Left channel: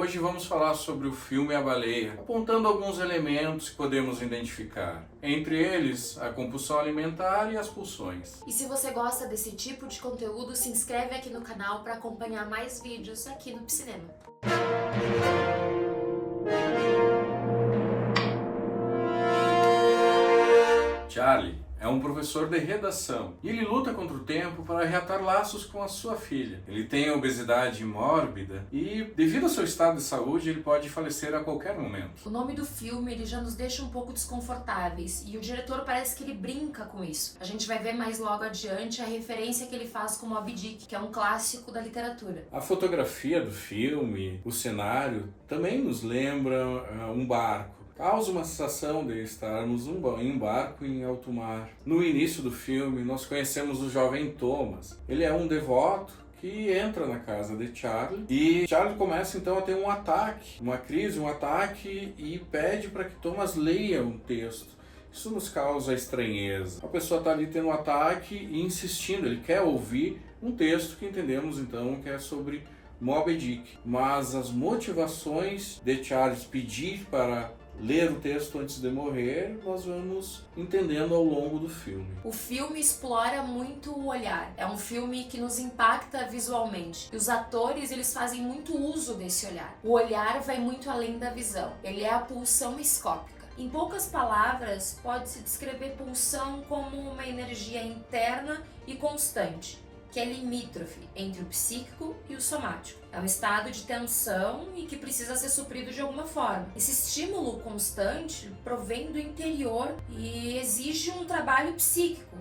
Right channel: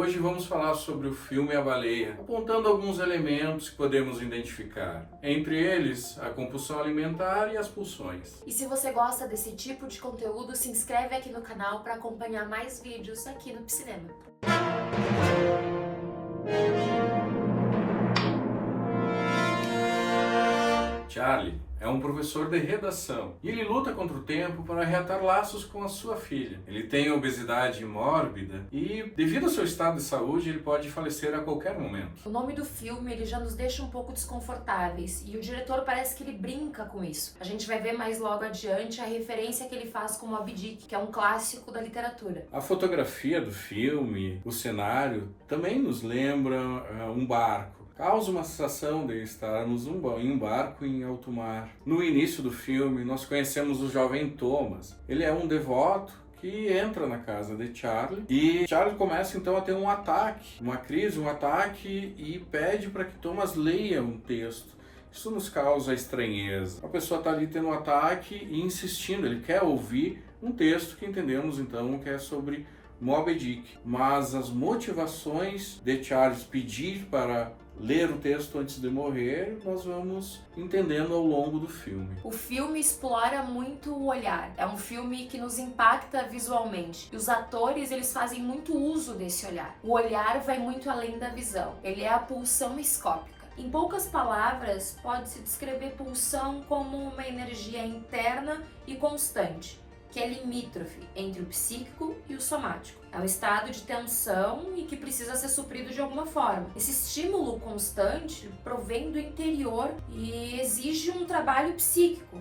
Hoje vamos falar sobre o filme A Baleia, apontando alguns elementos que podemos identificar. Entre eles, a compulsão alimentar e as pulsões. E se você gosta desse tipo de conteúdo, se inscreve aqui no canal para acompanhar mais vídeos aqui no Pcinema. Charlie é um professor de redação e ele luta contra o tempo para reatar laços com a sua filha. Ele tem obesidade mórbida e, devido ao seu estado de saúde, ele pode falecer a qualquer momento. O nome do filme ele já nos deixa um pouco desconfortáveis e o diretor parece que ele brinca com isso. A gente vai ver mais logo adiante a referência que ele faz com Moby Dick, que é um clássico da literatura. A fotografia do filme, o cenário, também nos lembra um barco. Causa uma sensação de estarmos em um barco em alto mar. No início do filme, nós conhecemos o jovem Thomas. Ele é um devoto que entra na casa de Charlie e Charlie começa então a ter um ataque, uma crise, um ataque e pede para que Thomas leia um texto. Isso nos causa estranheza. A pessoa está ali tendo um ataque e insistindo, ele quer ouvir um texto que entendemos então que é sobre Moby Dick. Mas as motivações de Charles pedir para ler o texto antes de morrer, nós vamos entendendo ao longo do filme. O filme explora muito o olhar. É um filme que nos impacta visualmente. E os atores, eles fazem muito uso desse olhar. O olhar vai muito além da visão. Ele é a pulsão escópica. Em poucas palavras, pode-se descrever pulsão como uma energia interna e constante, que é limítrofe entre o psíquico e o somático. É um estado de tensão e que precisa ser suprido de alguma forma. Esse estímulo constante provém do interior e exige um trabalho psíquico,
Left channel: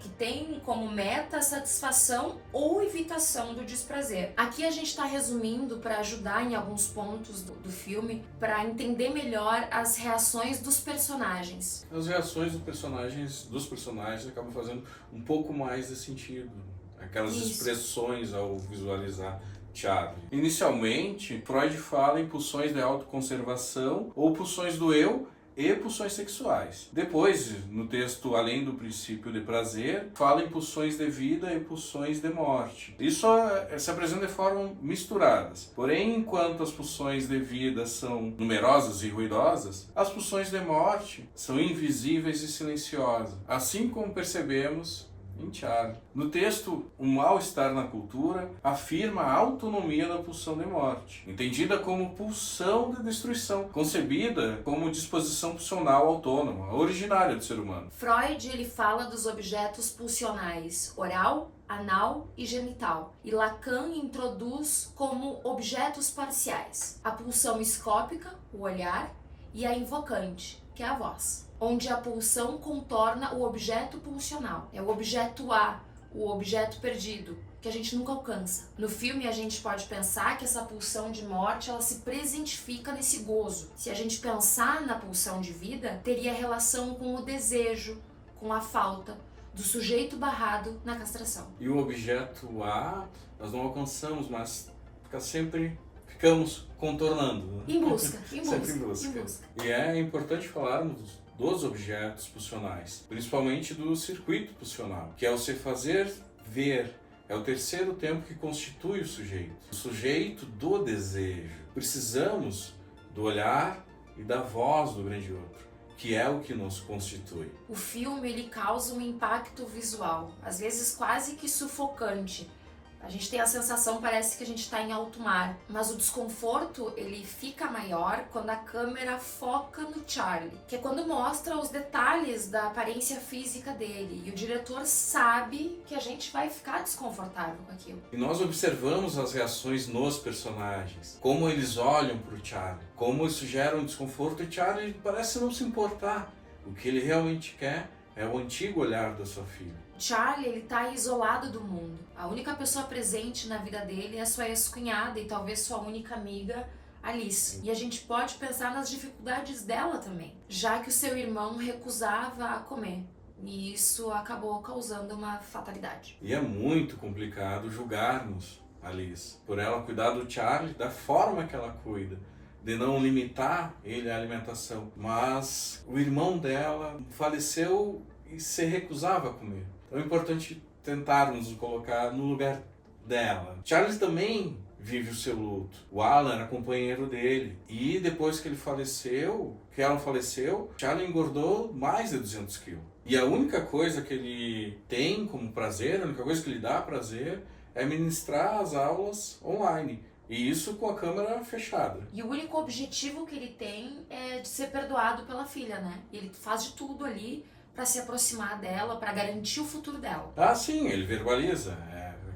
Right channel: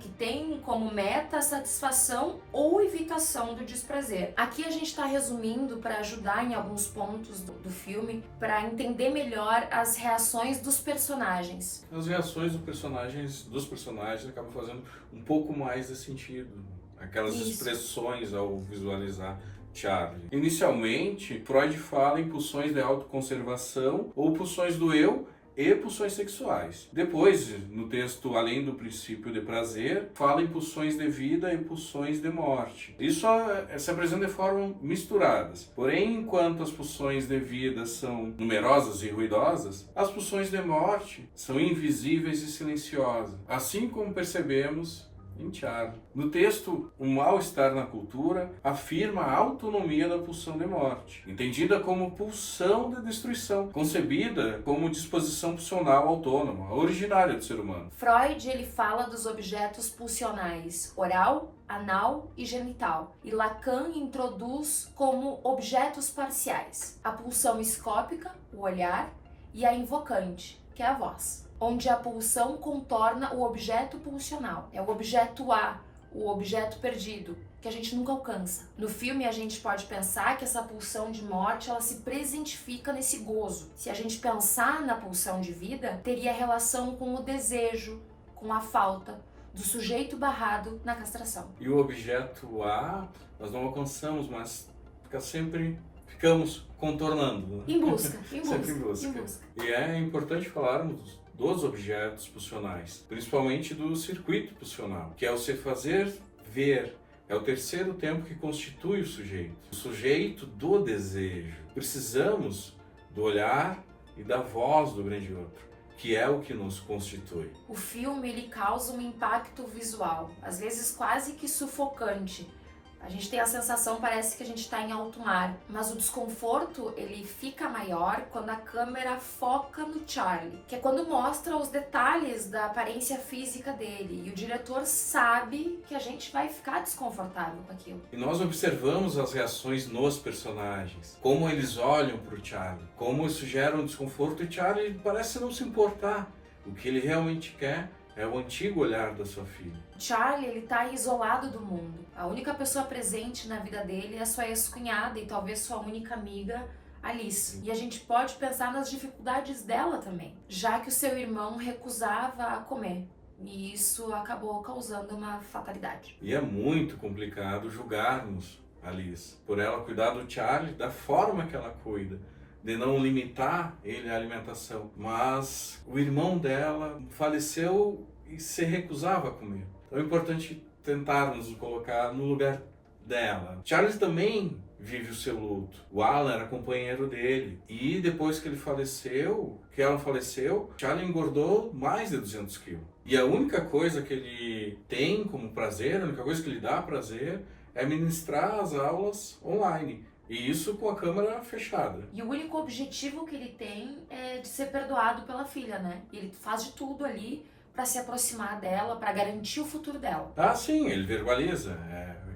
que tem como meta a satisfação ou evitação do desprazer. Aqui a gente está resumindo para ajudar em alguns pontos do filme, para entender melhor as reações dos personagens. As reações dos personagens acabam fazendo um pouco mais de sentido. Aquelas expressões ao visualizar Charlie. Inicialmente, Freud fala em pulsões de autoconservação ou pulsões do eu e pulsões sexuais. Depois, no texto Além do Princípio de Prazer, fala em pulsões de vida e pulsões de morte. Isso se apresenta de forma misturadas. Porém, enquanto as pulsões de vida são numerosas e ruidosas, as pulsões de morte são invisíveis e silenciosas. Assim como percebemos em Charlie. No texto, o mal-estar na cultura afirma a autonomia da pulsão de morte, entendida como pulsão de destruição, concebida como disposição pulsional autônoma, originária do ser humano. Freud ele fala dos objetos pulsionais oral, anal e genital, e Lacan introduz como objetos parciais a pulsão escópica, o olhar, e a invocante, que é a voz, onde a pulsão contorna o objeto pulsional. É o objeto A, o objeto perdido, que a gente nunca alcança. No filme a gente pode pensar que essa pulsão de morte ela se presentifica nesse gozo. Se a gente pensar na pulsão de vida, teria relação com o desejo, com a falta do sujeito barrado na castração. E o objeto A nós não alcançamos, mas ficamos contornando. Em busca, Sempre em busca. E é importante falarmos dos objetos pulsionais, principalmente do circuito pulsional, que é o se fazer ver, é o terceiro tempo que constitui o sujeito do desejo. Precisamos do olhar e da voz do grande outro, que é o que nos constitui. O filme ele causa um impacto visual, às vezes quase que sufocante. A gente tem a sensação, parece que a gente está em alto mar, mas o desconforto ele fica maior quando a câmera foca no Charlie, que é quando mostra os detalhes da aparência física dele, e o diretor sabe que a gente vai ficar desconfortável com aquilo. E nós observamos as reações nos personagens, como eles olham para o Charlie, como isso gera um desconforto, e Charlie parece não se importar. O que ele realmente quer é o antigo olhar da sua filha. Charlie, ele tá isolado do mundo. A única pessoa presente na vida dele é a sua ex-cunhada e talvez sua única amiga, Alice. E a gente pode pensar nas dificuldades dela também, já que o seu irmão recusava a comer. E isso acabou causando uma fatalidade. E é muito complicado julgarmos Alice por ela cuidar do Charlie da forma que ela cuida, de não limitar ele à alimentação. Mas o irmão dela faleceu e se recusava a comer. Então é importante tentarmos nos colocar no lugar dela. Charles também vive o seu luto. O Alan era companheiro dele. E depois que que Alan faleceu, Charlie engordou mais de 200 quilos. E a única coisa que ele tem como prazer, a única coisa que lhe dá prazer, é ministrar as aulas online. E isso com a câmera fechada. E o único objetivo que ele tem é de ser perdoado pela filha, né? E ele faz de tudo ali para se aproximar dela, para garantir o futuro dela. Ah, sim, ele verbaliza.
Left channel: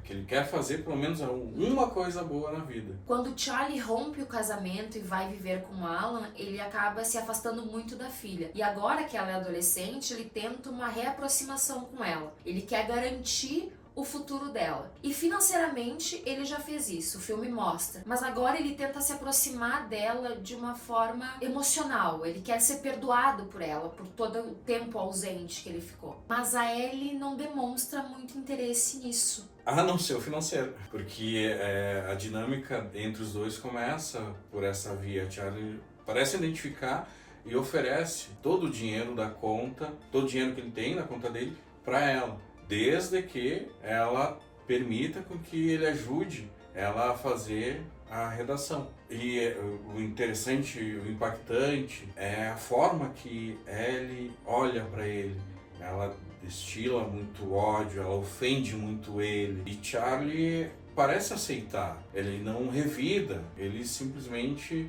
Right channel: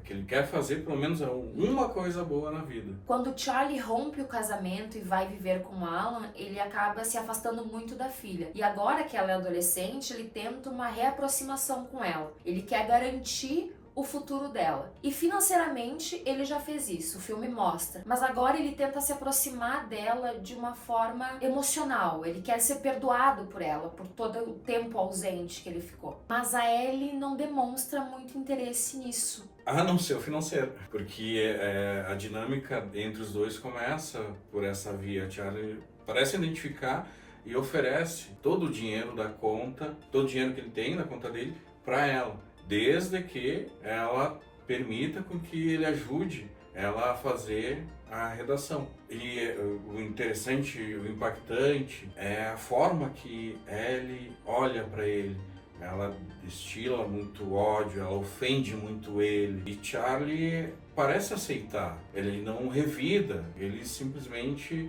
Que ele quer fazer pelo menos uma coisa boa na vida. Quando Charlie rompe o casamento e vai viver com Alan, ele acaba se afastando muito da filha. E agora que ela é adolescente, ele tenta uma reaproximação com ela. Ele quer garantir o futuro dela. E financeiramente ele já fez isso, o filme mostra. Mas agora ele tenta se aproximar dela de uma forma emocional. Ele quer ser perdoado por ela, por todo o tempo ausente que ele ficou. Mas a Ellie não demonstra muito interesse nisso. A não ser o financeiro, porque a dinâmica entre os dois começa por essa via. Charlie parece identificar e oferece todo o dinheiro da conta, todo o dinheiro que ele tem na conta dele, para ela, desde que ela permita com que ele ajude ela a fazer a redação. E o interessante, o impactante é a forma que Ellie olha para ele. Ela destila muito ódio, ela ofende muito ele. E Charlie parece aceitar. Ele não revida, ele simplesmente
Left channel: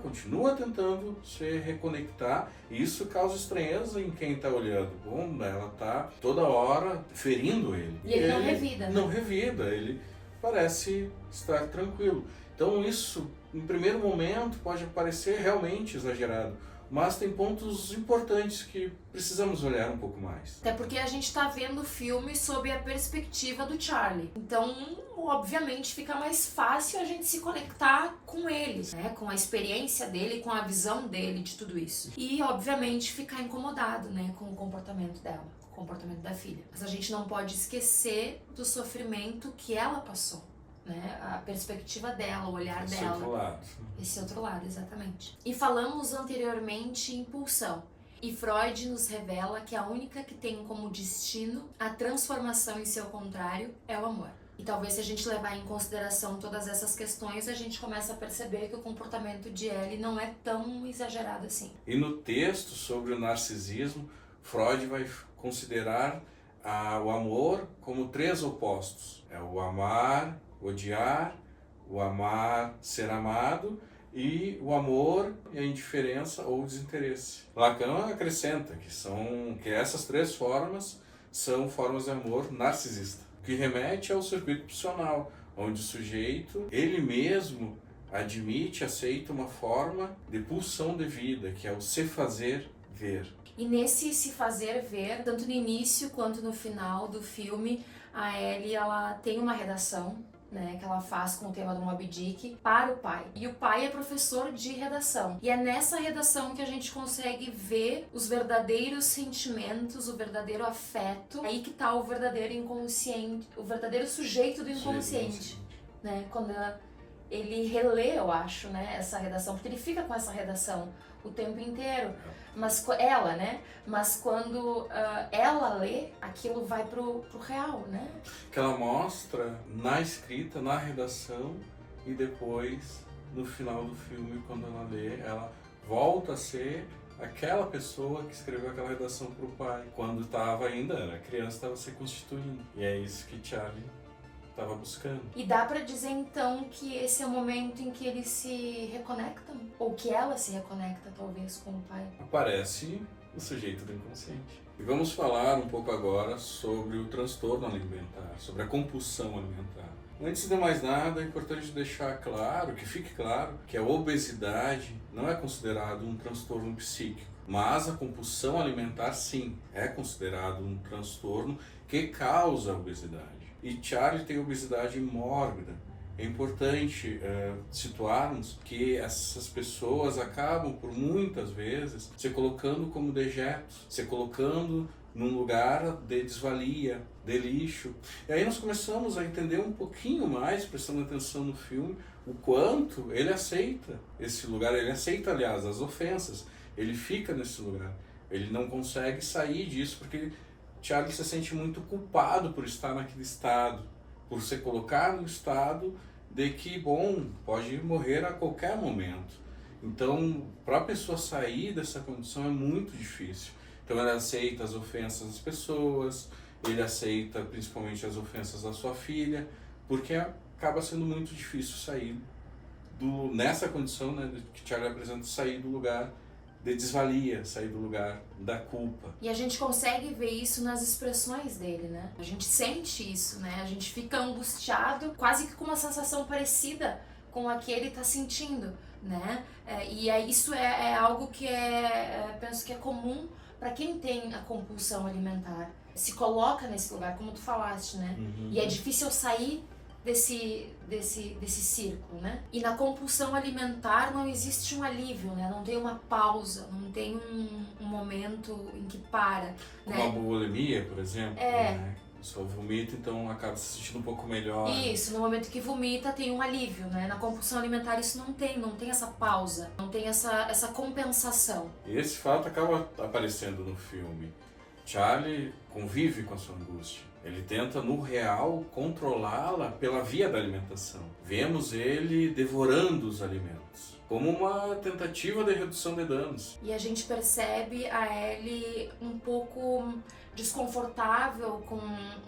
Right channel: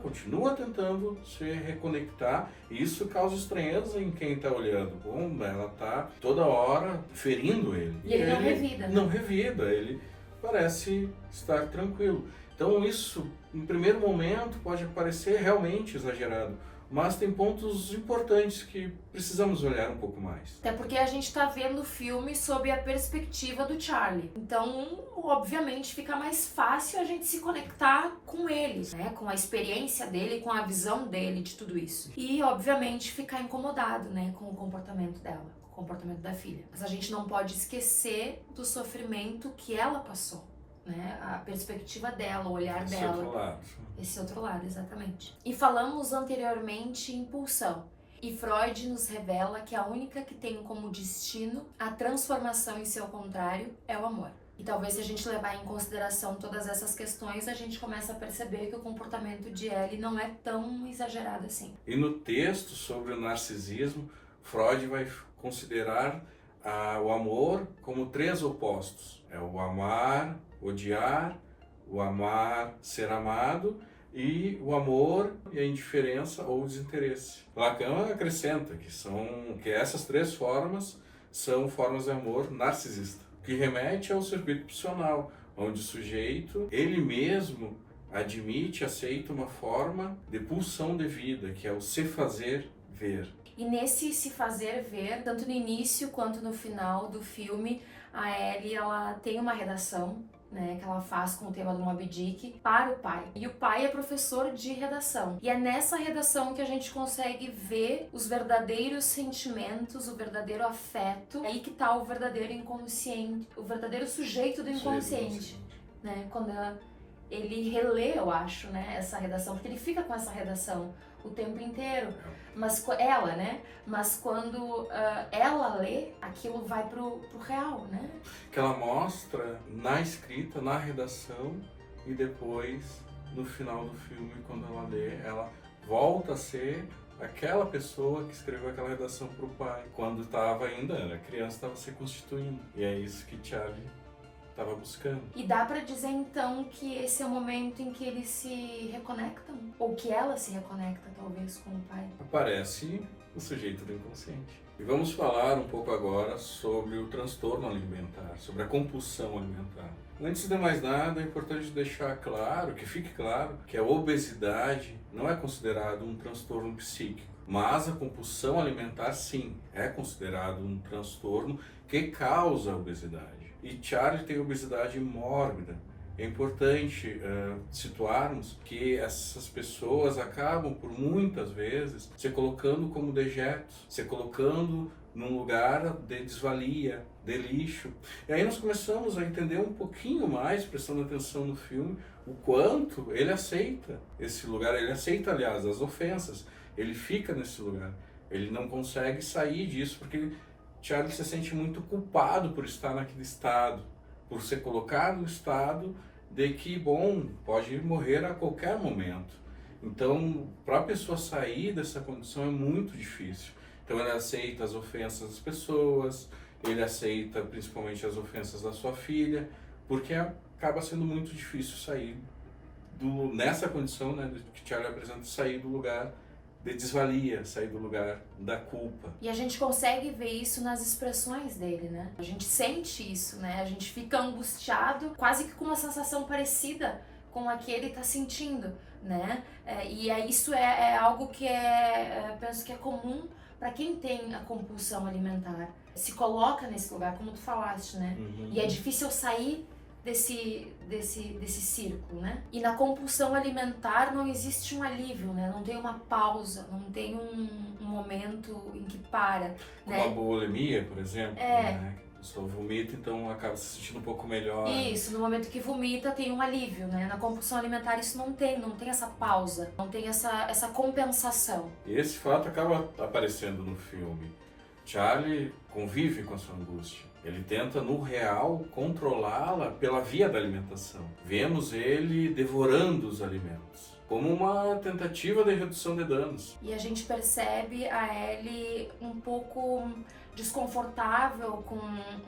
continua tentando se reconectar. E isso causa estranheza em quem está olhando. Bom, ela está toda hora ferindo ele. E ele não revida. Não revida, ele parece estar tranquilo. Então isso, em primeiro momento, pode parecer realmente exagerado. Mas tem pontos importantes que precisamos olhar um pouco mais. Até porque a gente está vendo o filme sob a perspectiva do Charlie. Então, obviamente, fica mais fácil a gente se conectar com ele, né? Com a experiência dele, com a visão dele de tudo isso. E, obviamente, ficar incomodado, né? Com o comportamento dela, com o comportamento da filha. Mas a gente não pode esquecer do sofrimento que ela passou. Né? A perspectiva dela, o olhar dela. Esse outro lado. Esse outro lado, exatamente. E falamos anteriormente em pulsão. E Freud nos revela que a única que tem como destino a transformação em seu contrário é o amor. E talvez se a gente levar em consideração todas essas questões, a gente começa a perceber que o comportamento de Ellie não é tão exagerado assim. E no texto sobre o narcisismo, Freud vai considerar o amor como 3 opostos. É o amar, odiar, o amar, ser amado, e o amor e a indiferença ou desinteresse. Lacan acrescenta que essas 3 formas são formas de amor narcisista, que remete ao circuito pulsional, onde o sujeito, ele mesmo, admite, aceita uma forma de pulsão de vida, que é o se fazer ver. E nesse se fazer ver, tanto no início quanto no final do filme, a Ellie, ela tem uma redação, né, que ela faz com o tema do Moby Dick para o pai. E o pai é professor de redação. E é nessa redação que a gente consegue ver os verdadeiros sentimentos, o verdadeiro afeto. É aí que tá o verdadeiro inconsciente, o verdadeiro sujeito do inconsciente, né? Quando ele relê, eu acho, né, essa redação, porque ele fica com essa redação o tempo inteiro, mas ela, né? Mas quando ela lê, aquilo vai pro real, né? Que ela mostra na escrita, na redação, e depois, no final do filme, quando ela lê, ela volta a ser aquela pessoa que escreveu aquela redação pro pai, quando a criança estava se constituindo. E é isso que Charlie estava buscando. E dá pra dizer então que esse é o momento em que eles se reconectam? Ou que ela se reconecta talvez com o pai? Aparece o sujeito do inconsciente. E vamos falar um pouco agora sobre o transtorno alimentar, sobre a compulsão alimentar. Antes de mais nada, é importante deixar claro, que fique claro, que a obesidade não é considerado um transtorno psíquico, mas a compulsão alimentar sim, é considerado um transtorno que causa a obesidade. E Charlie tem obesidade mórbida. É importante situarmos que essas pessoas acabam, por muitas vezes, se colocando como dejetos, se colocando num lugar de desvalia, de lixo. E aí nós começamos a entender um pouquinho mais, prestando atenção no filme, o quanto ele aceita esse lugar. Ele aceita, aliás, as ofensas. Ele fica nesse lugar. Ele não consegue sair disso, porque Charlie se sente muito culpado por estar naquele estado, por ser colocado no estado de que, bom, pode morrer a qualquer momento. Então, para a pessoa sair dessa condição é muito difícil. Então, ele aceita as ofensas das pessoas, ele aceita principalmente as ofensas da sua filha, porque acaba sendo muito difícil sair nessa condição, né, que Charlie apresenta, sair do lugar de desvalia, sair do lugar da culpa. E a gente consegue ver isso nas expressões dele, né? A gente sente isso, né? A gente fica angustiado, quase que com uma sensação parecida com a que ele tá sentindo, né? Isso é algo que penso que é comum para quem tem a compulsão alimentar. Se coloca nesse lugar, como tu falaste, né? Uhum. E é difícil sair desse círculo, né? E na compulsão alimentar não existe um alívio, né? Não tem uma pausa, não tem um momento em que para, Como né? a bulimia, por exemplo, né? A pessoa vomita, então acaba se sentindo um pouco melhor. Isso, no momento que vomita tem um alívio, né? Na compulsão alimentar isso não tem essa pausa, não tem essa compensação. E esse fato acaba aparecendo no filme. Charlie convive com a sua angústia. Ele tenta, no real, controlá-la pela via da alimentação. Vemos ele devorando os alimentos, como uma tentativa de redução de danos. E a gente percebe a Ellie um pouco desconfortável com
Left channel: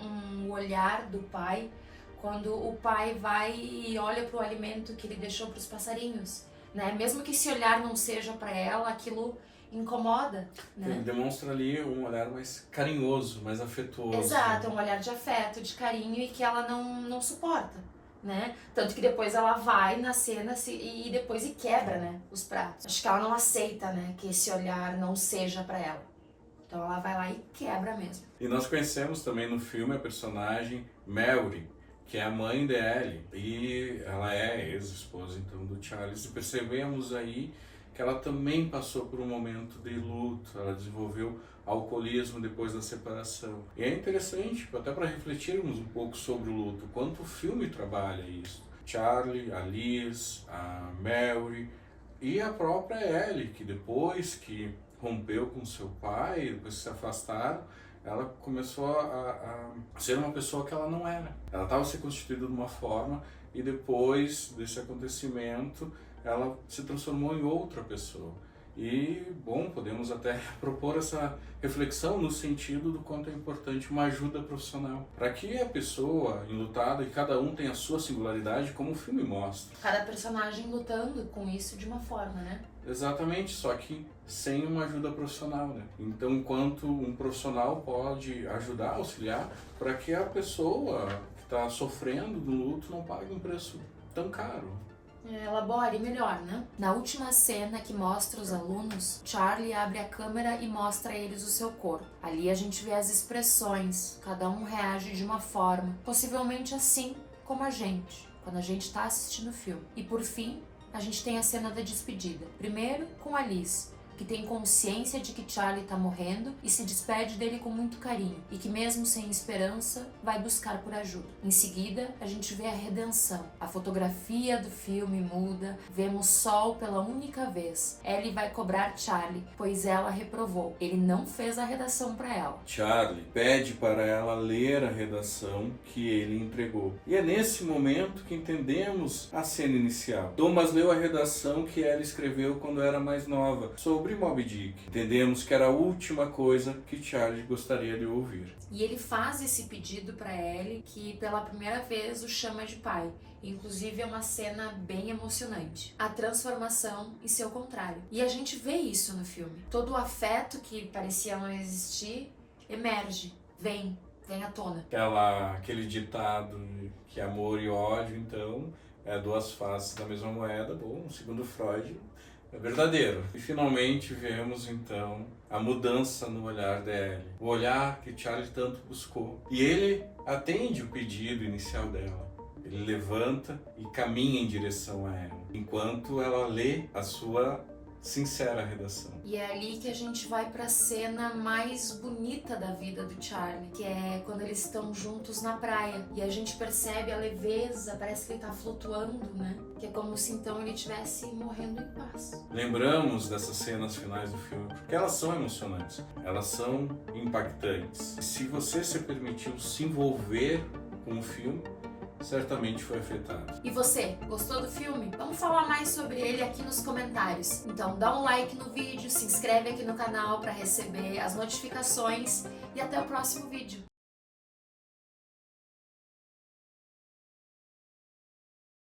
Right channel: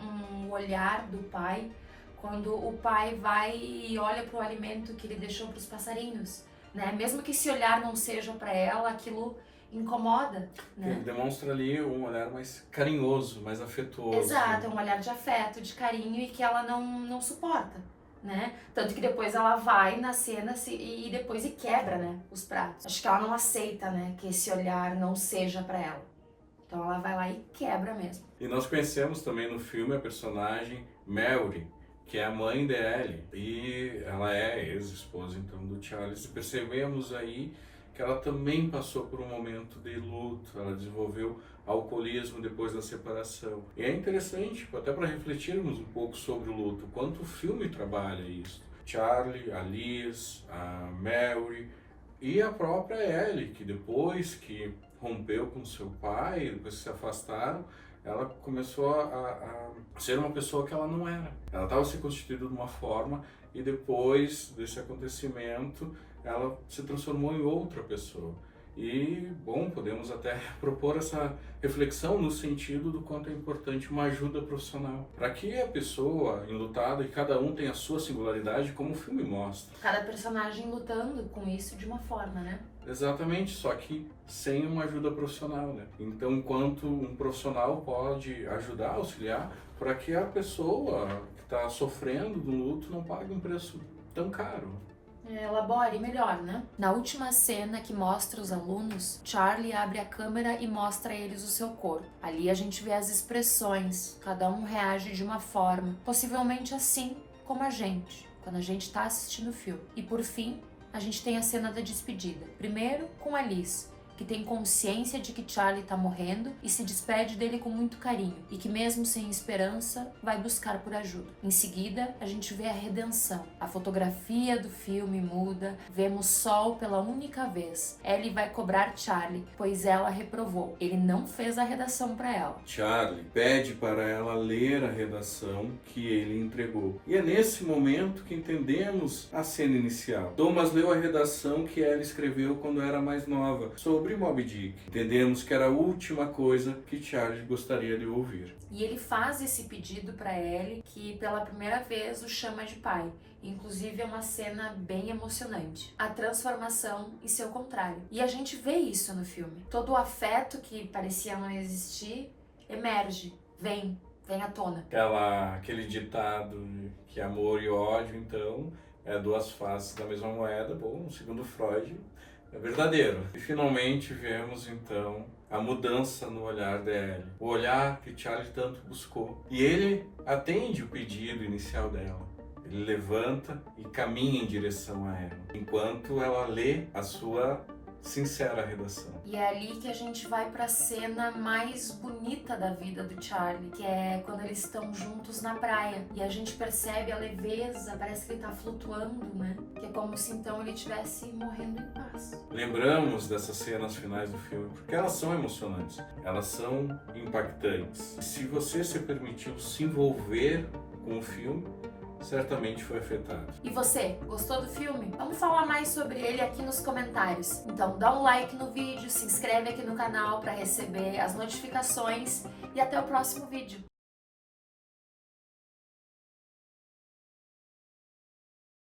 um olhar do pai, quando o pai vai e olha para o alimento que ele deixou para os passarinhos, né? Mesmo que esse olhar não seja para ela, aquilo incomoda, né? Ele demonstra ali um olhar mais carinhoso, mais afetuoso. Exato, um olhar de afeto, de carinho e que ela não suporta, né? Tanto que depois ela vai na cena e depois quebra, né, os pratos. Acho que ela não aceita, né, que esse olhar não seja pra ela. Então ela vai lá e quebra mesmo. E nós conhecemos também no filme a personagem Mary, que é a mãe de Ellie. E ela é ex-esposa, então, do Charles. E percebemos aí que ela também passou por um momento de luto, ela desenvolveu alcoolismo depois da separação. E é interessante, até para refletirmos um pouco sobre o luto, quanto o filme trabalha isso. Charlie, a Liz, a Mary e a própria Ellie, que depois que rompeu com seu pai, depois que se afastaram, ela começou a ser uma pessoa que ela não era. Ela estava se constituindo de uma forma e depois desse acontecimento ela se transformou em outra pessoa. E, bom, podemos até propor essa reflexão no sentido do quanto é importante uma ajuda profissional. Para que a pessoa enlutada, e cada um tem a sua singularidade, como o filme mostra. Cada personagem lutando com isso de uma forma, né? Exatamente, só que sem uma ajuda profissional, né? Então, enquanto um profissional pode ajudar, auxiliar, para que a pessoa que está sofrendo do luto não pague um preço tão caro. Elabore melhor, né? Na última cena que mostra os alunos, Charlie abre a câmera e mostra a eles o seu corpo. Ali a gente vê as expressões, cada um reage de uma forma, possivelmente assim como a gente, quando a gente está assistindo o filme. E por fim, a gente tem a cena da despedida. Primeiro com a Liz, que tem consciência de que Charlie tá morrendo e se despede dele com muito carinho, e que mesmo sem esperança, vai buscar por ajuda. Em seguida, a gente vê a redenção. A fotografia do filme muda, vemos Sol pela única vez. Ellie vai cobrar Charlie, pois ela reprovou. Ele não fez a redação para ela. Charlie pede para ela ler a redação que ele entregou. E é nesse momento que entendemos a cena inicial. Thomas leu a redação que ela escreveu quando era mais nova, sobre Moby Dick. Entendemos que era a última coisa que Charlie gostaria de ouvir. E ele faz esse pedido para Ellie, que pela primeira vez o chama de pai. Inclusive é uma cena bem emocionante. A transformação e seu contrário. E a gente vê isso no filme. Todo o afeto que parecia não existir emerge, vem à tona. Aquele ditado que amor e ódio, então, é duas faces da mesma moeda. Bom, segundo Freud, é verdadeiro. E finalmente vemos então a mudança no olhar da Ellie. O olhar que Charlie tanto buscou. E ele atende o pedido inicial dela. Ele levanta e caminha em direção a ela, enquanto ela lê a sua sincera redação. E é ali que a gente vai pra cena mais bonita da vida do Charlie, que é quando eles estão juntos na praia. E a gente percebe a leveza, parece que ele tá flutuando, né? Que é como se então ele estivesse morrendo em paz. Lembramos dessas cenas finais do filme porque elas são emocionantes, elas são impactantes. Se você se permitiu se envolver com o filme, certamente foi afetado. E você, gostou do filme? Vamos falar mais sobre ele aqui nos comentários. Então dá um like no vídeo, se inscreve aqui no canal para receber as notificações e até o próximo vídeo.